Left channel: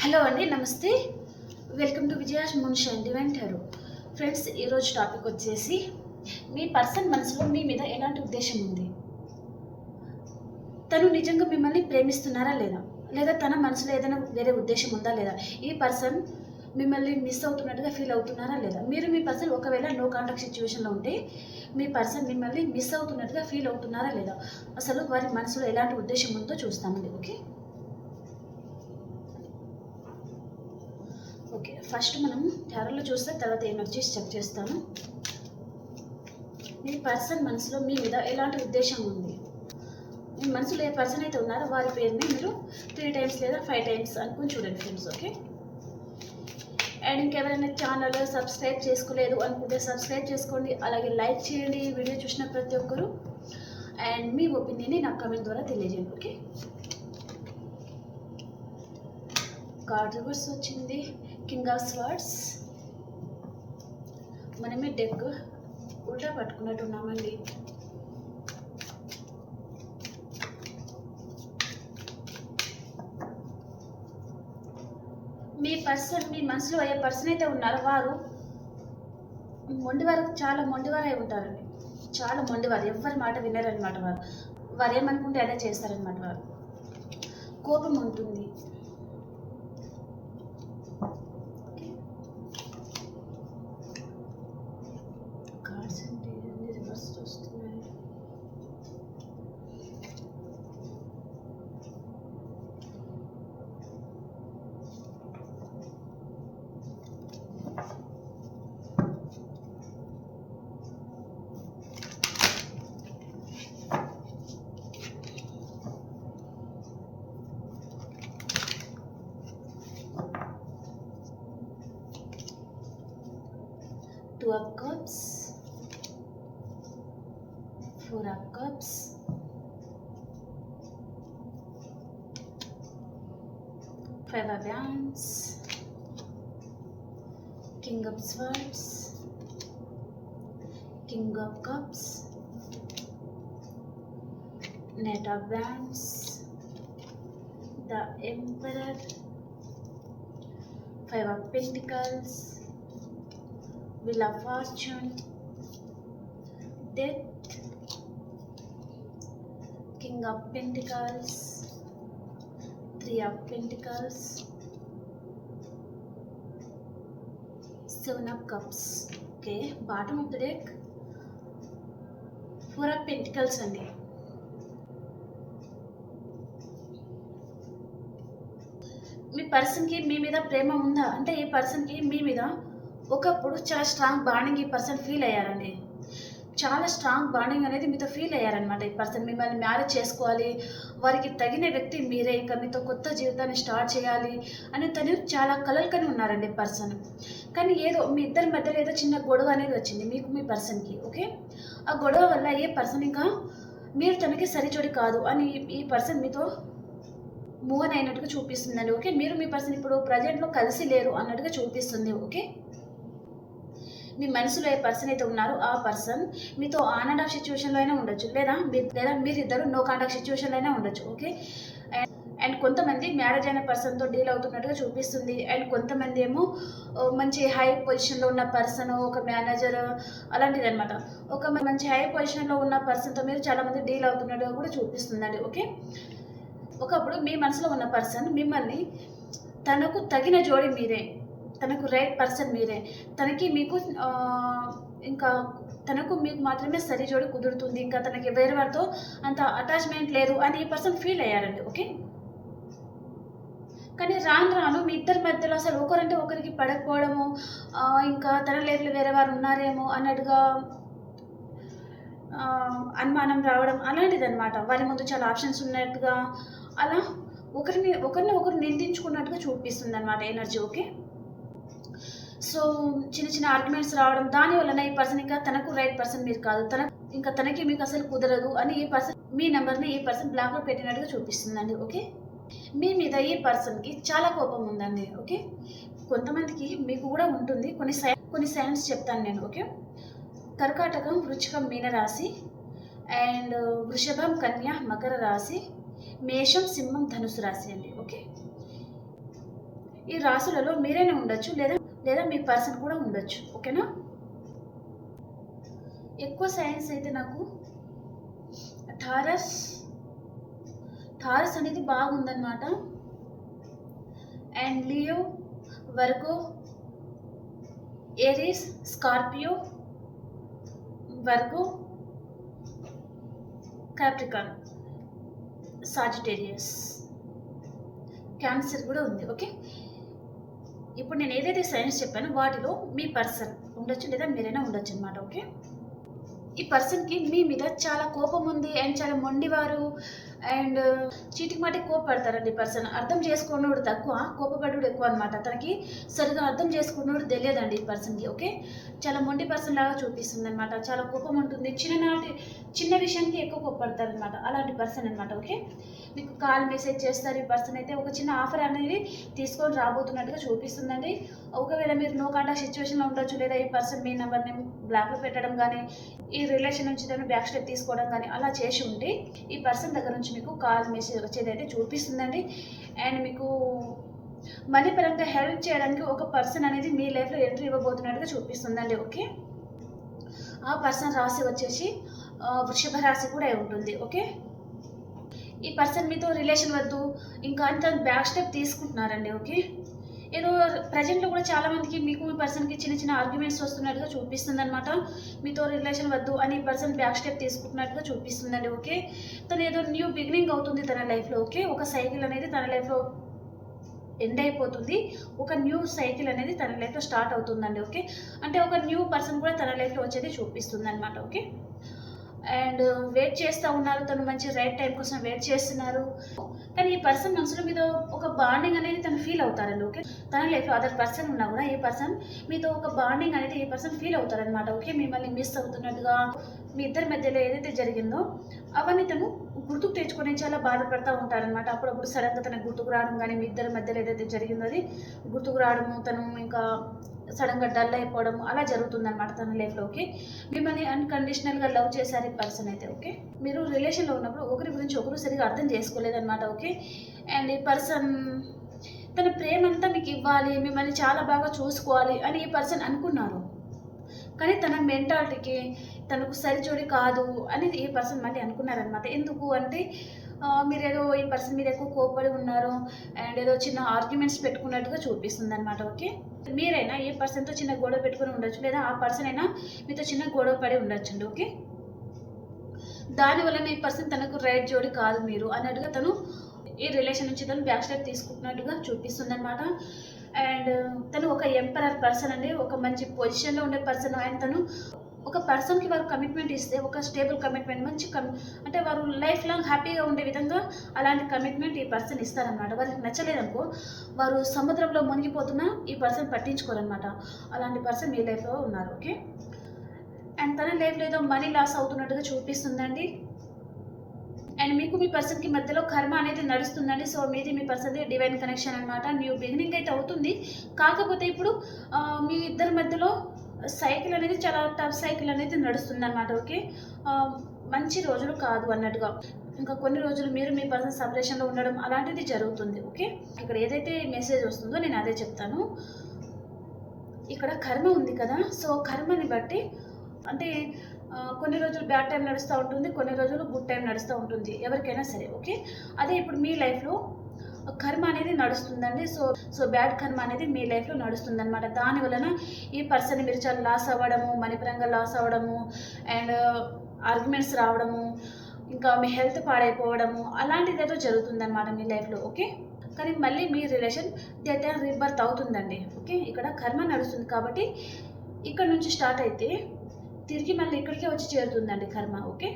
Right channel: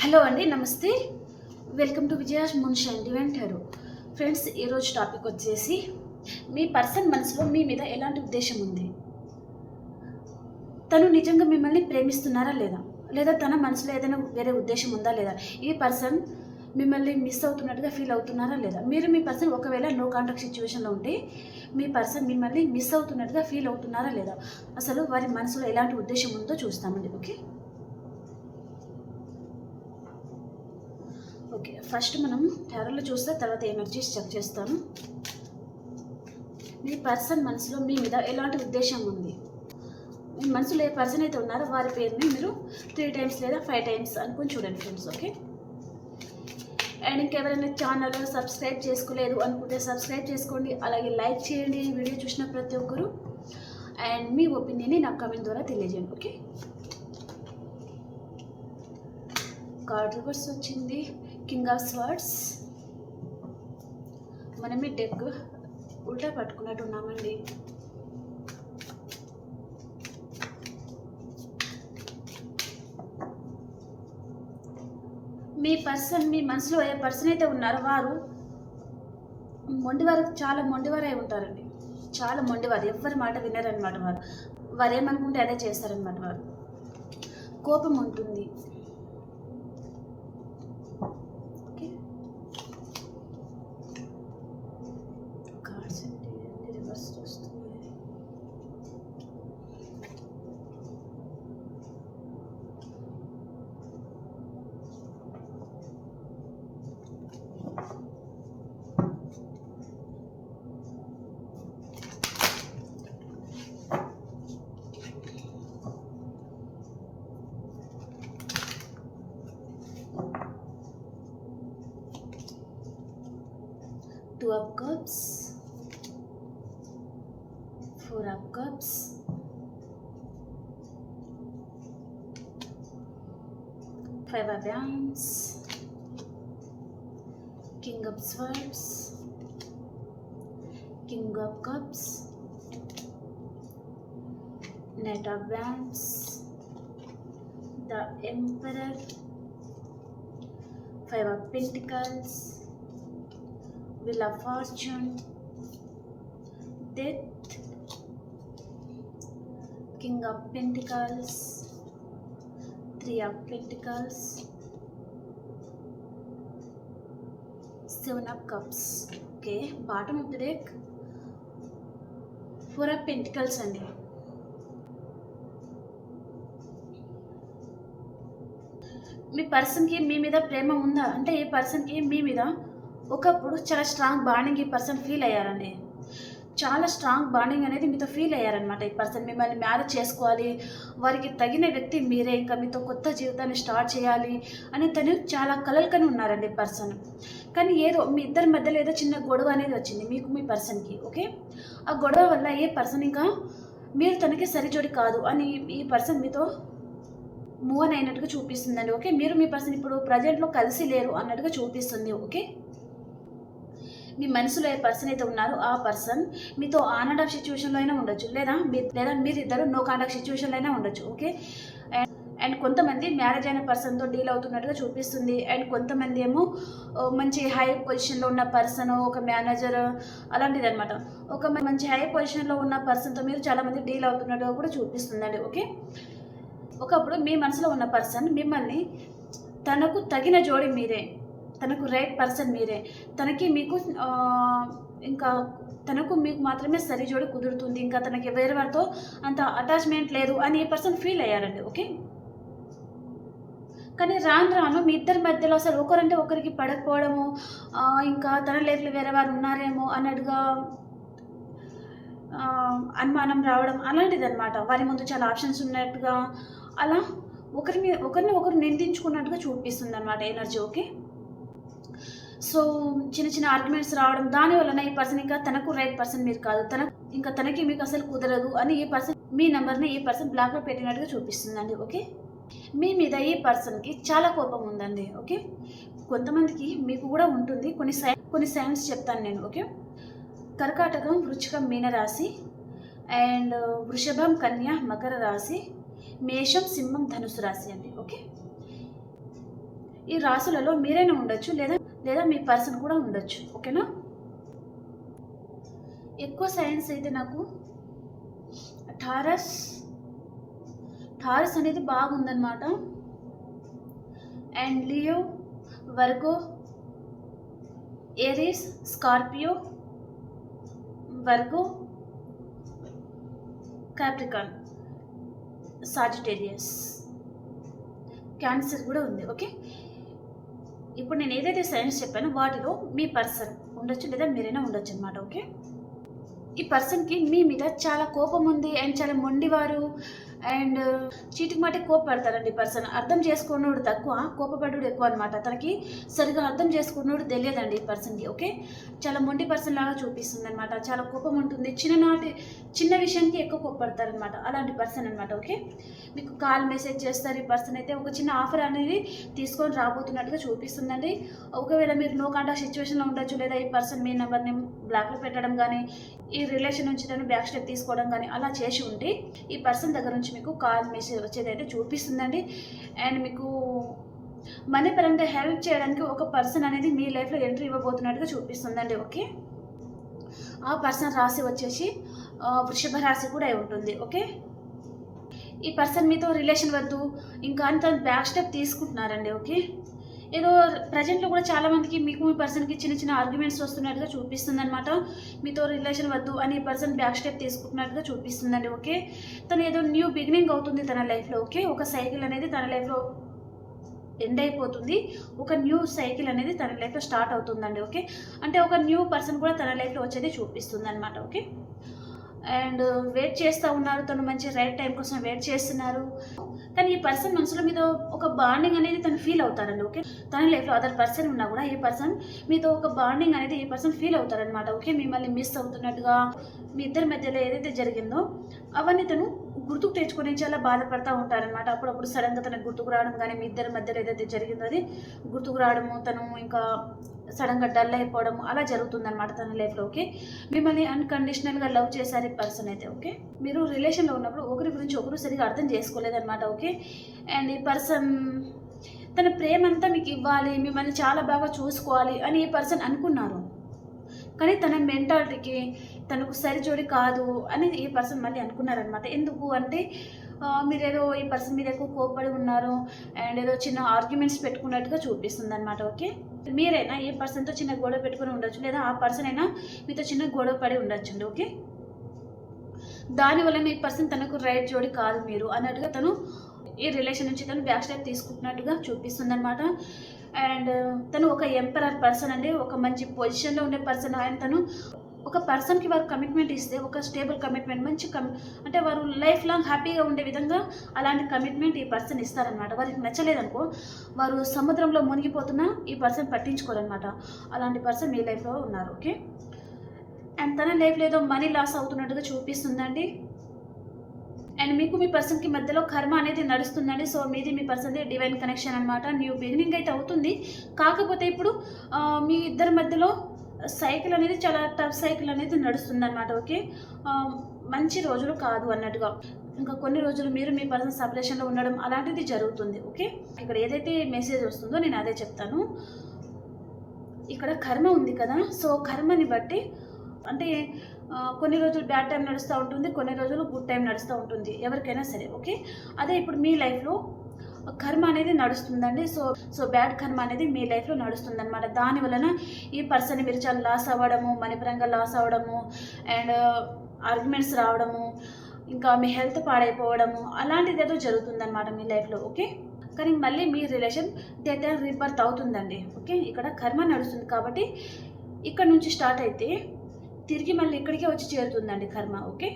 Hello అండి నమస్తే. Welcome to విజయాష్ Munshi అండి వెంటారు ఫ్రెండ్స్ ఈరోజు టాపిక్ వచ్చేసి మీ పర్సన్ మనసులో మీ మీద ఎలాంటి ఉద్దేశం ఉంది? తను నిజంగా మిమ్మల్ని ప్రేమిస్తున్నారా లేదా? లేదా తన మనసులో ఏదైనా వేరే ఉద్దేశం ఉందా లేదా? ఈ పర్సన్ మిమ్మల్ని మిస్ అవుతున్నట్టుగా ఫీల్ అవుతున్నారా లేదా? మీరు మీ పర్సన్ ఒకవేళ నో కాంటాక్ట్ సిచ్యువేషన్లో ఉంటే మీ పర్సన్ మిమ్మల్ని మిస్ అవుతున్నట్టుగా ఫీల్ అవుతున్నారా లేదా? అసలు వారి మనసులో ఎలాంటి ఉద్దేశం ఉందో చూస్తామండి ఓకే? ఓకే ఫస్ట్ మనం టారోలో చూస్తే తర్వాత ఎనర్జీస్ చెక్ చేస్తాను. మీ పర్సన్ మనసులో మీ మీద ఎలాంటి ఉద్దేశం ఉంది? మీ మనసులో ఏ పర్సన్ అయితే ఉన్నారో వారి పేరుని మీరు త్రీ టైమ్స్ లేదా ఫైవ్ టైమ్స్ అనుకుని చూడండి ఫ్రెండ్స్ ఓకే? అండ్ ఇంకెవరైనా ఛానల్ సబ్స్క్రైబ్ చేసుకోలేదు అనుకుంటే సబ్స్క్రైబ్ చేసుకోండి అలాగే లైక్ చేయండి వీడియో చూసిన ప్రతి ఒక్కరు. అండ్ మీ ఒపీనియన్ని నాకు కమెంట్ ద్వారా తెలియజేయండి ఓకే? కార్డ్ రివర్స్ వచ్చింది. King of swords. మనమే డెక్ ఉల్టా పట్టుకున్నట్టు ఉన్నామండి. మీ పర్సన్ మీ మనసులో ఏ పర్సన్ అయితే ఉన్నారో వారు మొండివారు చాలా మొండివారై ఉంటారండి. చాలా మొండివారు ఎవరి మాట వినరనమాట వారు. వారు ఏమనుకుంటే అదే చేస్తారనమాట వారు. కోపం ఉంటుంది. 2 of cups. 4 of cups. Five of rounds king of swords. King of cups. Knight of wands. The emperor. Five of pentacles. Wheel of Fortune, Death, King of Pentacles, Three of Pentacles, Seven of Cups. Okay, bottom of the deck, Four of Pentacles అండి మీ పర్సన్కి మీ మీద ప్రేమ ఉందా అంటే ఈ పర్సన్కి మీ మీద ఒకప్పుడు చాలా స్ట్రాంగ్ బాండింగ్ ఈ పర్సన్ ఫీల్ అయ్యారండి. చాలా స్ట్రాంగ్ బాండింగ్ అనేది మీతో ఫీల్ అయ్యారనమాట ఈ పర్సన్ మిమ్మల్ని మ్యారేజ్ చేసుకోవాలి వారికి తగిన వ్యక్తి మీరే ఇంకా మీతో కొత్త జీవితాన్ని స్టార్ట్ చేయాలి అని తను చాలా కలలుకని ఉన్నారండి పర్సన్ కానీ ఏదో మీ ఇద్దరి మధ్యలో ఏదో చిన్న గొడవ అనేది వచ్చింది మీకు మీ పర్సన్కి ఓకే? ఆ గొడవ వల్ల ఏ పర్సన్ ఇంకా మీరు తనకి సరిచోడి కాదు అని ఈ పర్సన్ మీతో మూవ్ అయినట్టుగా చూపిస్తుందండి ఓకే? మీరు మీ పర్సన్ ఇప్పుడు ప్రజెంట్లో కలిసి లేరు అన్నట్టుగా చూపిస్తుంది ఓకే? మీ మనసులో ఏ పర్సన్ అయితే ఉన్నారో ఆ పర్సన్ మీతో ఆన్ అండ్ ఆఫ్ సిచ్యువేషన్లో అయినా ఉండొచ్చు. లేదా మీ లేదా మీరిద్దరు నో కాంటాక్ట్ సిచ్యువేషన్లో అయినా ఉండొచ్చు. ఓకే అండ్ అండ్ కొంతమంది మ్యారేజ్ అయిన పర్సన్తో డీల్ అవుతున్నట్టుగా చూపిస్తుంది. అండ్ కొంతమంది ఏమో మంచి హై పొజిషన్లో ఉన్న పర్సన్ ఒక మేనేజర్ అలాంటిది అనమాట ఒక మంచి హై పొజిషన్లో ఉన్న పర్సన్తో మీరు చాలామంది డీల్ అవుతున్నట్టుగా కూడా చూపిస్తుందండి. ఓకే ఒకప్పుడు మీ మనసులో ఉన్న పర్సన్ మిమ్మల్ని తనకు తగిన జోడి మీరే తనకు రైట్ పర్సన్ మీరే. తనకి మీకు ఇంకా తనకు మీకు మాత్రమే సరిజోడు కుదురుతుంది. ఇంకా తనకి వేరే వారితో అంత అటాచ్మెంట్ లేదు అని ఈ పర్సన్ ఫీల్ అయ్యారండి ఓకే? కానీ రాను రాను మీ ఇద్దరి మధ్యలో అసలు ఒకరంటే ఒకరికి పడకపోవడము ఇంకా తన లేపులు వేరే వారు ఉన్నారేమో అన్నట్టుగా అనుమానం రావడం అలాంటిది అనమాట వారి ముందు చాలా ఆప్షన్స్ ఉన్నట్టుగా అలా ఒకరిని ఒకరిని ఒకరు నిందించుకున్నట్టుగా చూపిస్తుంది అనమాట ఎనర్జీ ఓకే? సో చిన్న చిన్న ఆర్గ్యుమెంట్స్ రావడం దాని వలన ఈ పర్సన్ ఇంకా తనకు రైట్ పర్సన్ మీరు కాదు. తన ఇంకా తనకి మీకు అసలు కుదరదు అని ఈ పర్సన్ మీ నెంబర్ని ఈ పర్సన్ బ్లాక్లో పెట్టినట్టుగా చూపిస్తుందండి ఓకే మీ మీద ఈ పర్సన్కి చాలా కోపం ఉందండి ఓకే కొంతమందికి మీకు కూడా ఉంటుంది. కొన్ని సై కొన్ని సైన్స్ చెప్తాను నేను ఓకే కర్కాటకం వృచ్చికం మీనరాశి అండ్ వృషభం కన్య మకర రాశి మేషం సింహం ధనుసు రాశి అండి ఓకే ఈ రాశులలో మీరైనా ఉండొచ్చు లేదా లేదా మీ పర్సన్ కూడా ఉండొచ్చు ఓకేనా? ఎక్కువ సైన్స్ అయితే నాకు థారస్ థారస్ అనేది బాగుందన్నమాట. And Leo Virgo Aries Scorpio Virgo Capricorn Sagittarius. Cancer కూడా ఉంది ఓకే? ఇప్పుడు నేను ఏదైతే సైన్స్ చెప్పానో వాటిలో మీ పర్సన్ ఉండొచ్చు లేదా మీరైనా ఉండొచ్చు అనమాట ఓకే ఈ పర్సన్కి మీ మీద చాలా కోపం ఉంది అండ్ చాలా మొండివారు. అండ్ చీటికి మాటికి కోపపడతారండి పర్సన్. అర్థం చేసుకున్నోడు తక్కువ కోపపడుడు ఎక్కువ అనమాట తనకి సరిగా అర్థం చేసుకున్నోడు తెలియదండి ఈ పర్సన్కి ఓకే? చాలా మొండి పర్సన్ లాగా చూపిస్తుంది అనమాట చాలా కోపం ఉంటుంది. చిన్ననాటి చిన్న విషయానికి ఎక్కువ కోపడతారనమాట అలాంటి పర్సన్ అనమాట ఓకే? మీకు కాల్ మెసేజ్ చేస్తారు ఈ పర్సన్ అయితే ఒక చిన్న ఆఫర్ అనేది తీసుకొని రాబోతున్నట్టుగా చూపిస్తుందండి. ఒకవేళ మీరు నో కాంటాక్ట్ సిచ్యువేషన్లో ఉండొచ్చు లేదా ఈ పర్సన్ మీ నెంబర్ని బ్లాక్లో పెట్టడం కానీ ఈ రిలేషన్ నుంచి తను బ్యాక్ స్టెప్ తీసుకోవడం కానీ అలా చేసి ఉంటే ఈ పర్సన్ దగ్గర నుంచి మీకు కాల్ మెసేజ్ వచ్చేది అయితే చూపిస్తుందండి. అండ్ మీకు మనీ పరంగా హెల్ప్ చేయడానికి ఒక పర్సన్ అనేది మీ లైఫ్లో ఎంట్రీ ఇవ్వబోతున్నట్టుగా చూపిస్తుందండి ఓకే? ఆ పర్సన్ రాశి వచ్చేసి వృషభ రాశి కూడా అయి ఉంటుంది ఓకే? ఈ పర్సన్ మీతో రిలేషన్ వద్దు ఇంకా అంత బ్యాక్ స్టెప్ తీసుకుంటున్నారండి ఓకే? ఏదో ప్రజెంట్లో కూడా చాలామందికి మీకు మీ పర్సన్కి చిన్న చిన్న ఆర్గ్యుమెంట్స్ వస్తున్నట్టుగా చూపిస్తుంది అనమాట మీతో రిలేషన్ వద్దు అని పర్సన్ బ్యాక్ స్టెప్ తీసుకుంటున్నట్టుగా చూపిస్తుందండి ఓకే? తను ఏదో న్యూ బిగినింగ్ అవుతుంది తన లైఫ్లో ఓకే? ఒక సైకిల్ అనేది తన లైఫ్లో ఎండ్ అయిపోతుంది. ఒక న్యూ సైకిల్ అనేది తన లైఫ్లో స్టార్ట్ అవుతుందండి ఓకే? అంటే ఒక న్యూ పర్సన్ కూడా తన లైఫ్లో వచ్చేది చూపిస్తుంది అనమాట ఓకే? అండ్ వెయిట్ చేస్తూ ఉన్నారు. తను మంచి రైట్ టైం కోసం వెయిట్ చేస్తున్నారు. కానీ ఈ పర్సన్ మనసులో మీద ఒక బాండింగ్ అనేది తను ఫీల్ అవుతారండి ఓకే తన లైఫ్లో అదర్ పర్సన్ ఉన్నా కూడా ఈ పర్సన్ మీతో ఒక బాండింగ్ అనేది ఈ పర్సన్ ఫీల్ అవుతారనమాట ఓకే మిమ్మల్ని మిస్ అవుతున్నట్టుగా మీ ఇద్దరి మధ్యలో ఏదైతే జరిగిందో అవన్నీ తను గుర్తుకు తెచ్చుకొని చాలా బాధపడతా ఉంటారనమాట అప్పుడప్పుడు సడన్గా తనకు గుర్తుకు రావడం కానీ మీ ఇద్దరి మధ్యలో ఏదైతే జరిగిందో అది గుర్తుకు రావడము తను ఇంకా సడన్గా డల్ అయిపోవడం అలా జరుగుతుందన్నమాట తన లైఫ్లో ఓకే మిమ్మల్ని అన్కండిషనల్గా లవ్ చేశారు ఈ పర్సన్ అయితే ఓకే మీరు రిలేషన్లో ఉన్నప్పుడు ఒకరి గురించి ఒకరు సరిగా అర్థం చేసుకోలేదన్నమాట ఓకే అండ్ ఈ పర్సన్ తన ప్రేమ అంతా మీకు ఇవ్వాలి మిమ్మల్ని చాలా బాగా చూసుకోవాలి అని ఈ పర్సన్ అనుకున్నారు. కానీ తన మెంటాలిటీకి తనకు సరిజోడి కాదు అని ఈ పర్సన్ మళ్ళీ అనుకున్నారనమాట ఎందుకు అంటే మీరు ఏదో ఈ పర్సన్ మీద ఎక్కువ కోపడి ఉన్నారు అండ్ ఏదో చిన్న ఆర్గ్యుమెంట్స్ పెట్టుకున్నట్టుగా చూపిస్తుంది అనమాట ఓకే మీరైనా ఏ పర్సన్తో చిన్న గొడవ పెట్టుకుని ఉండొచ్చు లేదా ఆ పర్సన్ అయినా మీతో చిన్న గొడవ పడి ఉండొచ్చండి ఓకే దానివల్ల ఈ పర్సన్ తనకు రైట్ జోడి కాదు మీరు అన్నట్టుగా తను ఈ రిలేషన్ నుంచి తను బ్యాక్ స్టెప్ తీసుకుంటున్నట్టుగా చూపిస్తుంది అనమాట అండ్ తను ఒక ఎంపరర్ పర్సన్ అండి ఒక మంచి పొజిషన్లో ఉండే పర్సన్ అండ్ తను ఒక పర్సన్కి వారు కమిట్మెంట్ ఇస్తే ఒక స్టేబుల్ కమిట్మెంట్ మంచి కమి అంటే వారు లైఫ్ లాంగ్ హ్యాపీగా ఉండే విధంగా అలాంటి కమిట్మెంట్ ఈ పర్సన్ ఇస్తారనమాట వారికి నచ్చలేదనుకో వారు సముద్రంలో మునిగిపోతున్నా ఈ పర్సన్ పట్టించుకోరనమాట అలాంటి పర్సన్ మీ లైఫ్లో ఉన్నారు ఓకే అండ్ తన లైఫ్లో ఏదో మనీ లాస్ అవుతున్నట్టుగా చూపిస్తుందండి. అండ్ మీకు మీ పర్సన్కి మధ్యలో కర్మ అనేది నడుస్తుందండి. సో మీది మీ పర్సన్ది డివైన్ కనెక్షన్ అనమాట న్యూ బిగినింగ్ అయితే అవుతుంది. కాకపోతే ఇప్పుడు మీ ఇద్దరి మధ్యలో సైకిల్ అనేది చాలా టఫ్ సైకిల్ అనేది నడుస్తుంది అనమాట ఓకే మంచి రోజులు కాదు అన్నట్టుగా. ఇంకా కొన్ని రోజులు మీరు మీ పర్సన్ సపరేషన్లో ఉండడం అలాంటిది జరుగుతుంది ఓకే? ఇక్కడ ఏదైతే మెసేజ్ వస్తుందో నేను అదే చెప్తాను. ఇక్కడ కర్మ ఉంది కదా సో కర్మని బట్టి అంటే కొన్ని రోజులు బ్యాడ్ టైం నడుస్తూ ఉంటుంది కొన్ని రోజులు గుడ్ టైం నడుస్తూ ఉంటుంది ఎవరికైనా సరే ఓకే? అదే ఇప్పుడు మీ లైఫ్లో కర్మ అనేది నడుస్తుందండి. సో సో బ్యాడ్ కర్మ అనేది మీ లైఫ్లో నడుస్తుంది అనమాట దాని వలన ఈ పర్సన్ మీరు చాలా లాస్ అవ్వడము మణిపరంగా లాస్ అవ్వడము అండ్ ఆర్గ్యుమెంట్స్ రావడము ఇంకా మీ హెల్త్ పాడైపోవడము అలాంటిది ఏదో జరుగుతుందన్నమాట మీ లైఫ్లో ఓకే? కానీ మళ్ళీ మీ రిలేషన్ డెత్ అండ్ రీబర్త్ అవుతుందండి ఓకే? ఇక్కడ కర్మ నడుస్తుంది కాబట్టి ఇక్కడ నుంచి స్టార్ట్ అయితే తిరిగి మళ్ళీ ఇక్కడికే వచ్చి చేరుతుందండి కర్మ ఓకే?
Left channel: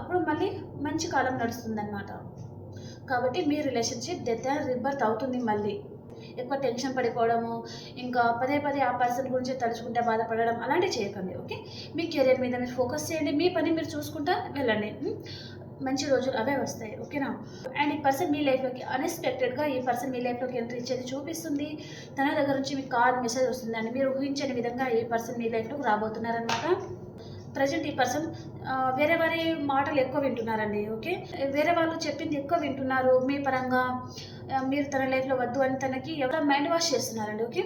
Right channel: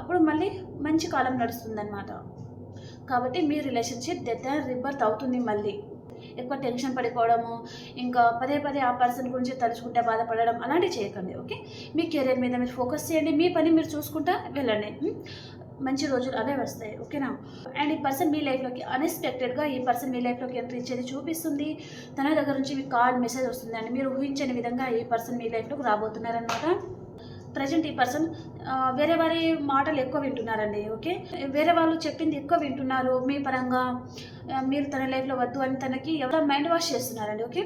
అప్పుడు మళ్ళీ మంచి కాలం నడుస్తుందన్నమాట. కాబట్టి మీ రిలేషన్షిప్ డెత్ అండ్ రిబర్త్ అవుతుంది మళ్ళీ. ఎక్కువ టెన్షన్ పడిపోవడము ఇంకా పదే పదే ఆ పర్సన్ గురించి తలుచుకుంటే బాధపడడం అలాంటివి చేయకండి ఓకే మీ కెరీర్ మీద మీరు ఫోకస్ చేయండి మీ పని మీరు చూసుకుంటా వెళ్ళండి మంచి రోజులు అవే వస్తాయి ఓకేనా అండ్ ఈ పర్సన్ మీ లైఫ్లోకి అన్ఎక్స్పెక్టెడ్గా ఈ పర్సన్ మీ లైఫ్లోకి ఎంట్రీ ఇచ్చేది చూపిస్తుంది. తన దగ్గర నుంచి మీకు కాల్ మెసేజ్ వస్తుంది అండి మీరు ఊహించని విధంగా ఈ పర్సన్ మీ లైఫ్లోకి రాబోతున్నారనమాట ప్రజెంట్ ఈ పర్సన్ వేరే వారి మాటలు ఎక్కువ వింటున్నారండి ఓకే? వేరే వాళ్ళు చెప్పింది ఎక్కువ వింటున్నారు మీ పరంగా మీరు తన లైఫ్లో వద్దు అని తనకి ఎవరో మైండ్ వాష్ చేస్తున్నారండి ఓకే?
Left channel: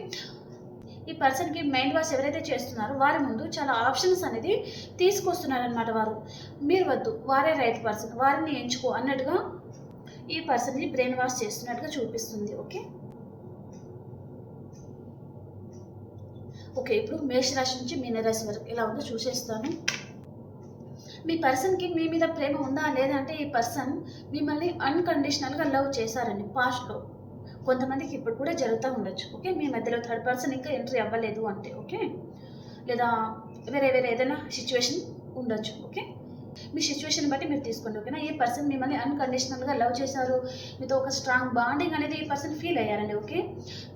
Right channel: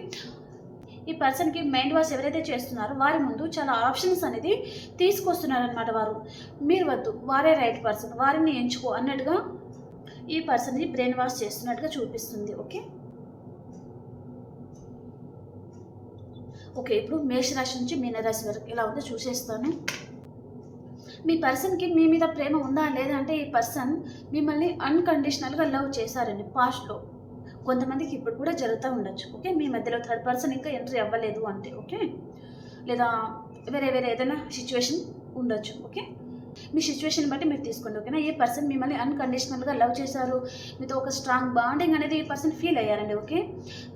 ఈ పర్సన్కి మైండ్ వాష్ ఎవరైతే చేస్తున్నారో వారి ముందు చాలా ఆప్షన్స్ అనేది తీసుకొస్తున్నారనమాట వారు. మీరు వద్దు వారే రైట్ పర్సన్ వారిని ఎంచుకో అన్నట్టుగా ఈ పర్సన్ని బ్రెయిన్ వాష్ చేస్తున్నట్టుగా చూపిస్తుంది ఓకే? ఓకే ఇప్పుడు మేషరాశి నుంచి మీనరాశి వరకు ఎలా ఉందో చూసేస్తాను. మీ పర్సన్కి మీ మీద ప్రేమ ఉందా లేదా అంటే ఈ పర్సన్ మిమ్మల్ని అన్కండిషనల్గా లవ్ చేశారండి పాస్ట్లో. కొంతమందికి ఇప్పుడు కూడా జరుగుతూ ఉండొచ్చు ఓకే? మీ మధ్యలో థర్డ్ పర్సన్ ఇంకా ఎంట్రీ అవ్వలేదు అంటే ఓకే? లేదా వేరే వేరే ఏదైనా సిచ్యువేషన్ ఉండొచ్చు ఓకే? మీ సిచ్యువేషన్ బట్టి మీరు తీసుకోండి ఓకేనా? ఏ పర్సన్ మిమ్మల్ని అన్కండిషనల్గా లవ్ చేశారు మీతో ఒక స్ట్రాంగ్ బాండింగ్ అనేది ఈ పర్సన్ ఫీల్ అయ్యారండి ఓకే?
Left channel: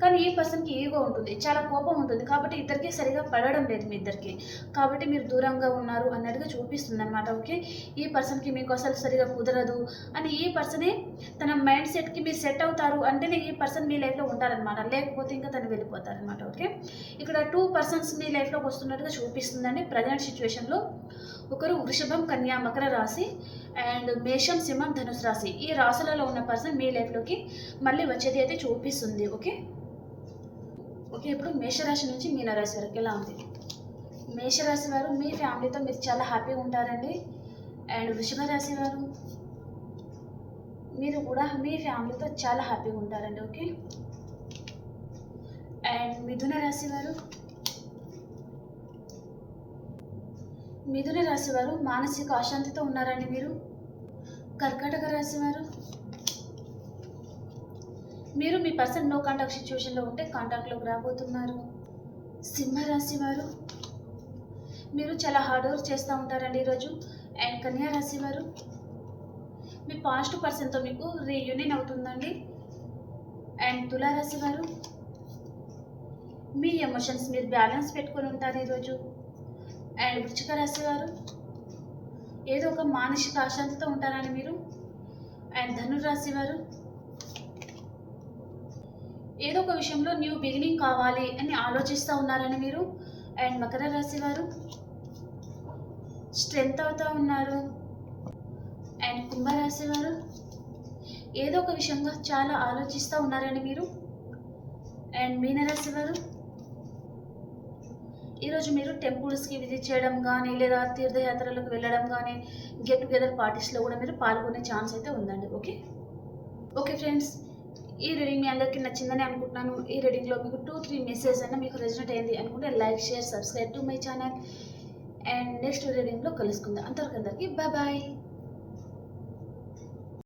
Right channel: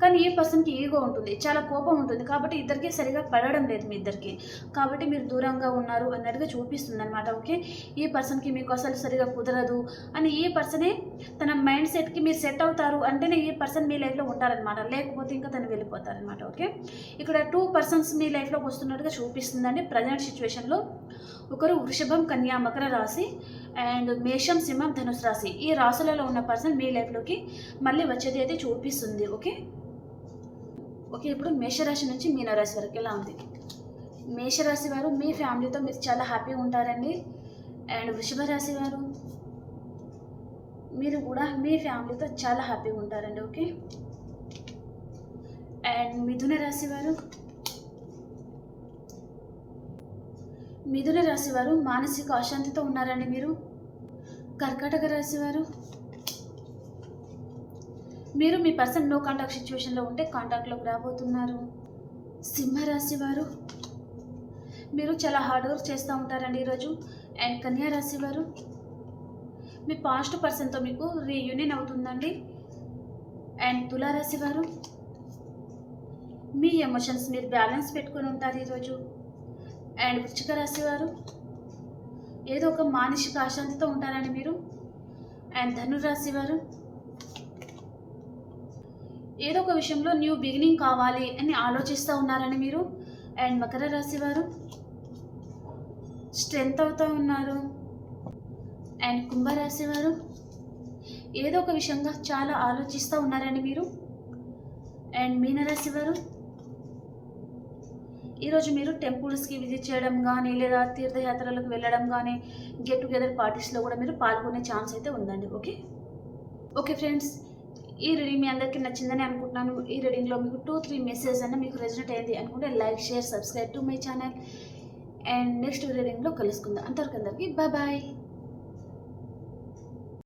కానీ ఈ పర్సన్కి ఈగో ఉంటుంది చాలా కోపం ఉంటుంది కాబట్టి ఇద్దరికి సరిగా పడడం లేదు మీ ఇద్దరికి. కాబట్టి మీరు దూరంగా ఉన్నారు అన్నట్టుగా చూపిస్తుంది అనమాట ఓకే? ఈ పర్సన్కి మీకు అసలు సరిగా కుదరదు అని ఈ పర్సనే తన మైండ్ సెట్కి మీరు సెట్ అవుతారు అంటేనే ఈ పర్సన్ మీ లైఫ్లో ఉంటారనమాట లేకపోతే ఇంకా తను వెళ్ళిపోతారనమాట ఓకే? ఇక్కడ టూ పర్సన్స్ మీ లైఫ్లోకి వస్తున్నట్టుగా చూపిస్తుందండి ప్రజెంట్ సిచ్యువేషన్లో ఒకరు వృషభం కన్యా మకర రాశి అండ్ మేషం సింహం ధనుసు రాశి. ఈ రాశులలో ఉన్న పర్సన్ మీ లైఫ్లోకి మళ్ళీ వచ్చేది అయితే చూపిస్తుంది ఓకే? ఓకే ఇప్పుడు మేషరాశి నుంచి మీనరాశి వరకు ఎలా ఉంది? మేషరాశి వారు మీ ఫ్యామిలీతో మీరు చాలా హ్యాపీగా ఉంటారండి. అండ్ వృషభ రాశి వారు మీరు కూడా మీ ఫ్యామిలీతో చాలా హ్యాపీగా ఉంటారండి ఓకే? అండ్ మిథున రాశి వారు మిథున రాశి వారు మానసిక అశాంతితో ఉన్నారండి మీరు. కర్కాటక రాశి వారు మీరు మీ పర్సన్ నో కాంటాక్ట్ సిచ్యువేషన్లో ఉంటే కాంటాక్ట్లోకి రాబోతున్నారు. సింహరాశి వారు మీరు చాలా హార్డ్ వర్క్ చేస్తూ ఉంటారండి ఈరోజు. అండ్ కన్యా రాశి వారు మీ పాస్ట్ పర్సన్తో మీకు రీయూనియన్ అవుతుందండి. అండ్ తులారాశి వారు మీ ఎమోషన్స్ మీరు బ్యాలెన్స్ పెట్టుకొని ఉంటారు ఈరోజు. అండ్ వృచ్చిక రాశి వారు ఏదో ఒక మానసిక అశాంతితో ఉంటారండి మీరు? అండ్ ధనురాశి వారు ఏదో ఒక విషయంలో న్యూ బిగినింగ్ కావాలి అని ఆలోచిస్తూ ఉన్నారని మీరు? అండ్ మకర రాశి వారు స్ట్రెంగ్త్ అవుతూ ఉన్నారు. అండ్ కుంభరాశి వారు ఏదో ఒక విషయంగా చాలా ఆలోచిస్తూ ఉన్నారని మీరు? అండ్ మీనరాశి వారు ఈరోజు మీరు టెంపుల్స్కి విజిట్ చేయడం కానీ లేదా తీర్థయాత్రలకు వెళ్ళడం కానీ గెట్ టుగెదర్ పార్టీస్లో కూడా మీరు పాల్గొనే ఛాన్స్ అయితే ఉందండి ఓకే ఓకే ఫ్రెండ్స్ ఈ రీడింగ్ మీ అందరికీ నచ్చిందని అనుకుంటున్నాను. ఈ రీడింగ్లో మీకు టూ త్రీ మెసేజ్ అన్న మీకు రెజినేట్ అయింది అనుకుంటే like share subscribe to my channel and next రీడింగ్లో కలుసుకుందాం. అంతవరకు అందరికీ బాయ్ బాయ్